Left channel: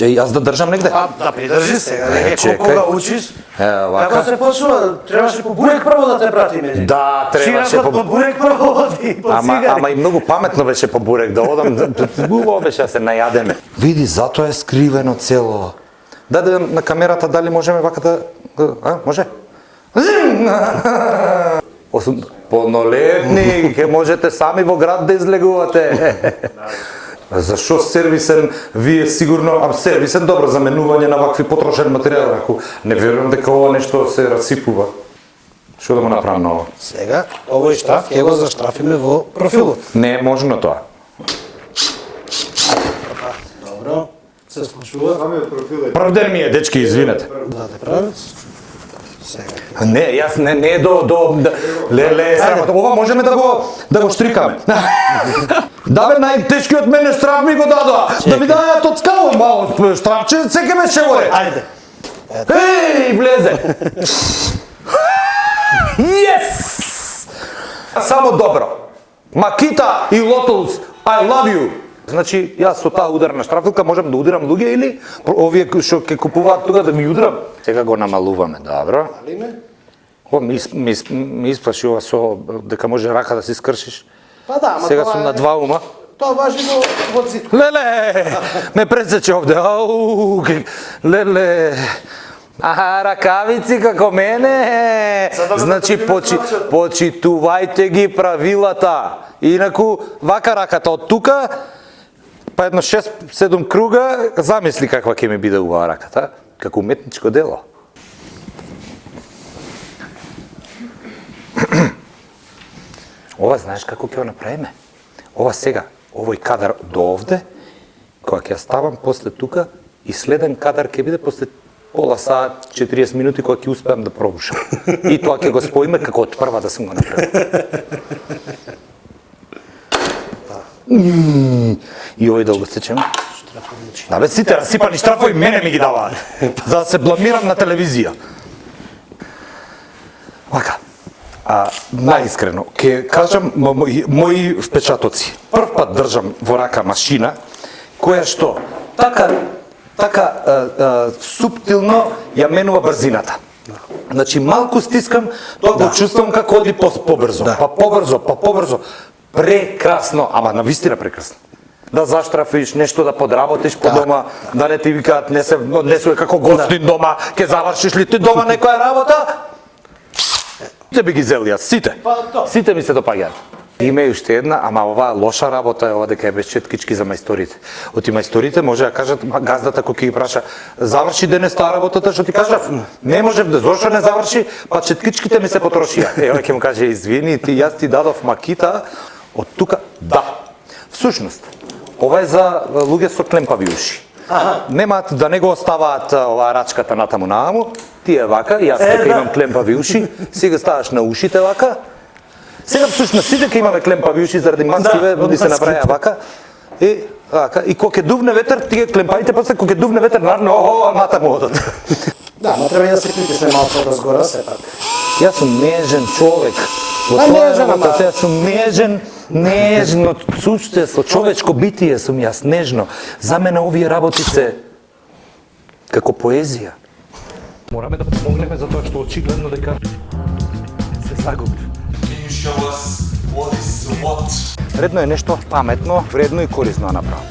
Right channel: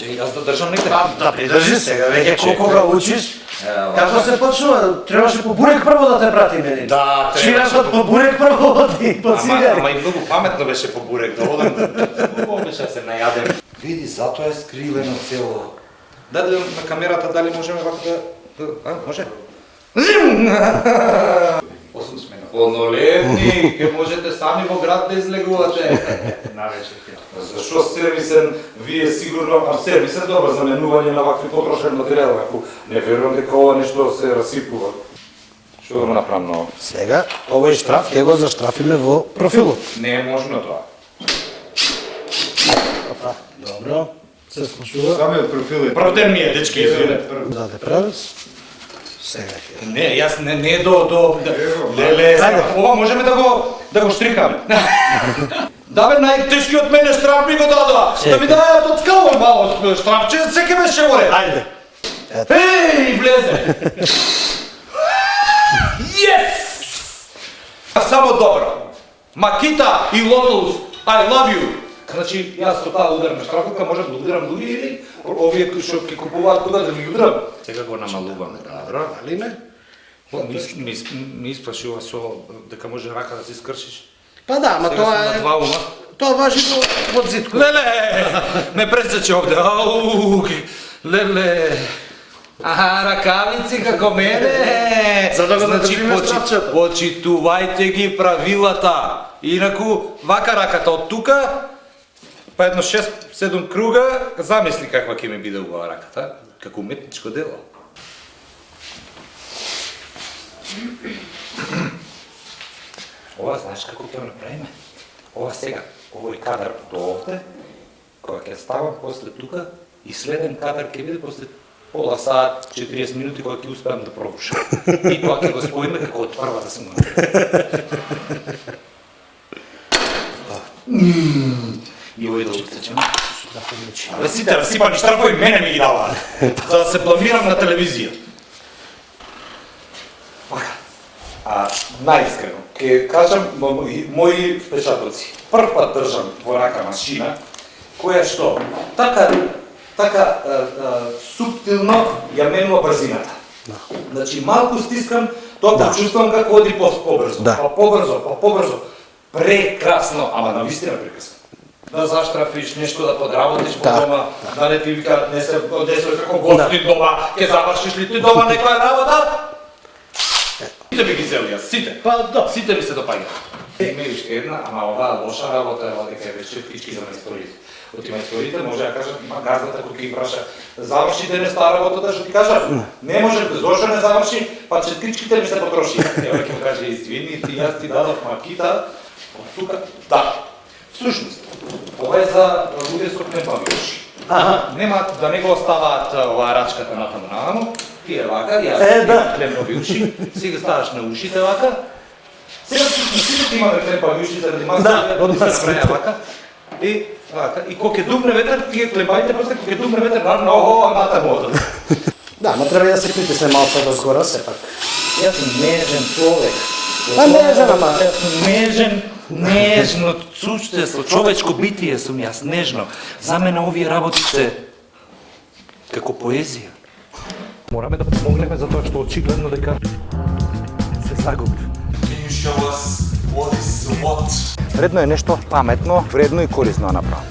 Ќе јас да држам негде. Да придржи сега, веќе кога учиш. Како се почнува? Требаше по бурек прво да те пратиме. Да, требаше по бурек прво оди, по цигари. Ама и многу паметно беше по бурек да одам, убаво беше да се најадем. Види, затоа е скривено цело. Даде на камерата дали можеме вака да... може? Полнолетни, ке можете сами во град да излегувате. Зашо сервисен, вие сигурно сервисен добро заменување на вакви потрошен материјал, ако не верувам дека ова нешто се расипува. Што да го направам ново? Сега, овој штраф ќе го заштрафиме во профилот. Не е можно тоа. Добро, се слушува. Самиот профил е... Правде ми е, дечки, извинете. Даде правец. Сега. Не, јас не леле, ова можеме да го штрикаме. Да бе, најтешкиот мене штраф ми го дадоа. Да ми дајат од скало мало штрафче, секе ме шеворе. Ајде. Еј, влезе. Yes! Само добро. Макита и Лотус, I love you. Значи, јас со таа ударна штрафилка можам да удирам луѓе или овие што ќе купуваат тука да ми удрам? Сега го намалуваме, добро. Ми испраши ова со дека може рака да си скршиш. Па да, ама сега сум на два ума. Тоа важи во зитко. Леле, ме пресече овде. Ау, леле. Аха, ракавици како мене. Значи, почитувајте ги правилата. Инаку, вака раката од тука, па едно 6-7 круга, замисли каква ќе ми биде оваа раката, како уметничко дело. Ова знаеш како ќе го направиме? Ова сега, овој кадар до овде, кога ќе ставам после тука, и следен кадар ќе биде после пола сат, 40 минути кога ќе успеам да пробушам. И тоа ќе го споиме како од прва да сум го направил. И овој да го сечем. Абе, сите расипани штрафови мене ми ги даваат. За да се бламирам на телевизија. Вака. Најискрено, ќе кажам мои впечатоци. Прв пат држам во рака машина, која што така суптилно ја менува брзината. Значи, малку стискам, тоа го чувствам како оди побрзо, па побрзо. Прекрасно, ама навистина прекрасно. Да заштрафиш, нешто да подработиш по дома, да не ти викаат, не се како гостин дома, ќе завршиш ли ти дома некоја работа? Сите би ги зели јас, сите ми се допаѓаат. Има и уште една, ама ова лоша работа е ова дека е без четкички за мајсторите. Оти мајсторите може да кажат газдата кој ќе ги праша заврши денес таа работата што ти кажав. Не може да зошто не заврши, па четкичките ми се потрошија. Еве ќе му каже извини, јас ти дадов макита од тука. Да. Всушност, ова е за луѓе со клемпави уши. Немаат да не го оставаат оваа рачката натаму, ти е вака, јас имам клемпави уши, сега ставаш на ушите вака. Сега всушност сите ќе имаме клемпави уши заради маските, оди се направија вака. И кога ќе дувне ветер, тие клемпавите после кога ќе дувне ветер, наравно, натаму одат. Да, ма треба и да се притисне малку од згора сепак. Јас сум нежен човек. Па нежен, ама... Јас сум нежен, нежно суштество, човечко битие сум јас, нежно. За мене овие работи се како поезија. Мораме да помогнеме за тоа што очигледно дека се загубив. Редно е нешто паметно, вредно и корисно да направам.